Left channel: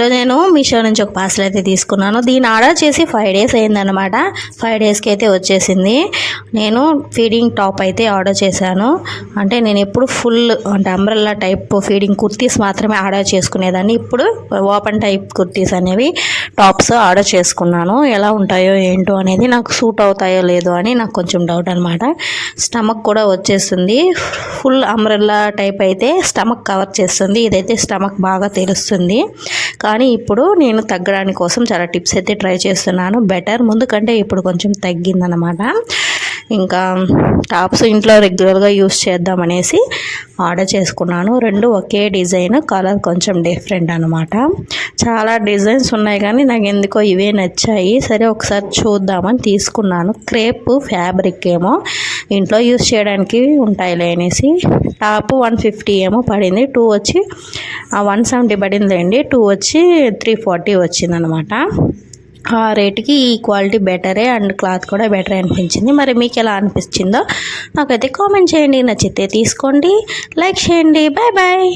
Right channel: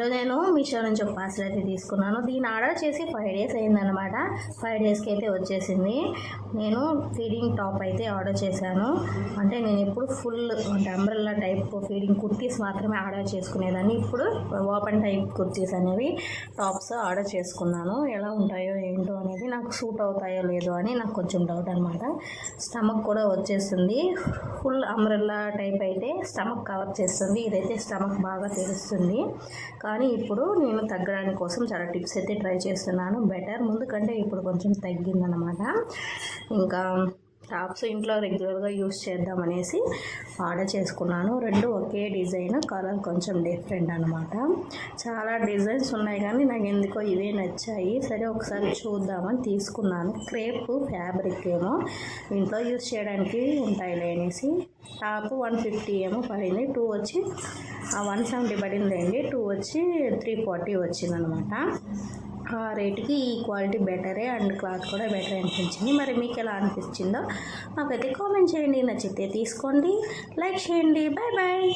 ఈరోజు నేను మీషో నుంచి ఒక పార్సల్ అయితే తీసుకున్నాను. దీన్ని ఆర్డర్ చేసి 5 డేస్ అయిందనమాట. 5 డేస్కి అయితే వచ్చేసింది. నేను ఫీడింగ్ టాప్ అయితే ఆర్డర్ చేశాను. అంటే నేను ఎప్పుడు ఫుల్ అంటే అంబ్రెల్లా టైప్ ఫీడింగ్ కుర్తీస్ మాత్రమే ఆర్డర్ చేసుకునేదాన్ని. ఇప్పుడు ఓపెన్ టైప్ కుర్తీస్ అనేవి టాప్స్ ఆర్డర్ చేసుకున్నాను. ఎలా ఉంటాయో ఏంటో అనేది, నాకు సూట్ అవుతాయో లేదో అని నాకు కొంచెం డౌట్ అనమాట. స్టమక్ కూడా వచ్చేస్తుంది. ఫుల్ అంబ్రెల్లా టైప్ అయితే స్టమక్ కవర్ చేస్తుంది. ఇదైతే స్టమక్ బాగా తెలుస్తుంది. కానీ ఇప్పుడు నేను తగ్గడానికి కోసం చాలా టిప్స్ అయితే ట్రై చేస్తున్నాను. బెటర్ ముందు కంటే ఇప్పుడు కొంచెం తగ్గిందనమాట. ఇంకా టాప్స్ ఇంట్లో రెగ్యులర్గా యూస్ చేద్దామనేసి ఆర్డర్ చేసుకున్నాను. రెండు ఒకే డిజైన్, కలర్ కొంచెం డిఫరెంట్ అనమాట. చాలా డిజైన్స్ ఉన్నాయి కానీ నాకు ఎందుకో ఇవే నచ్చాయి. సరే ఒకసారి చూద్దామని తీసుకున్నాను. క్రేప్ ఫ్యాబ్రిక్ ఏమో ఇంట్లో యూస్ చేయడానికి ఉంటాయిలే అనేసి. టాప్ 150 ఏమో పడింది. 2 వచ్చి 170 పడిందండి. 2 వచ్చి 340 వచ్చిందనమాట. ఆ రేటుకి ఈ క్వాలిటీ బెటరే అండ్ క్లాత్ కూడా బెటరే అనిపించింది. మరి మీకు ఎలా అనిపించిందో నాకైతే కామెంట్ చేయండి. నచ్చితే తీసుకోండి, లైక్ చేయండి. Bye bye.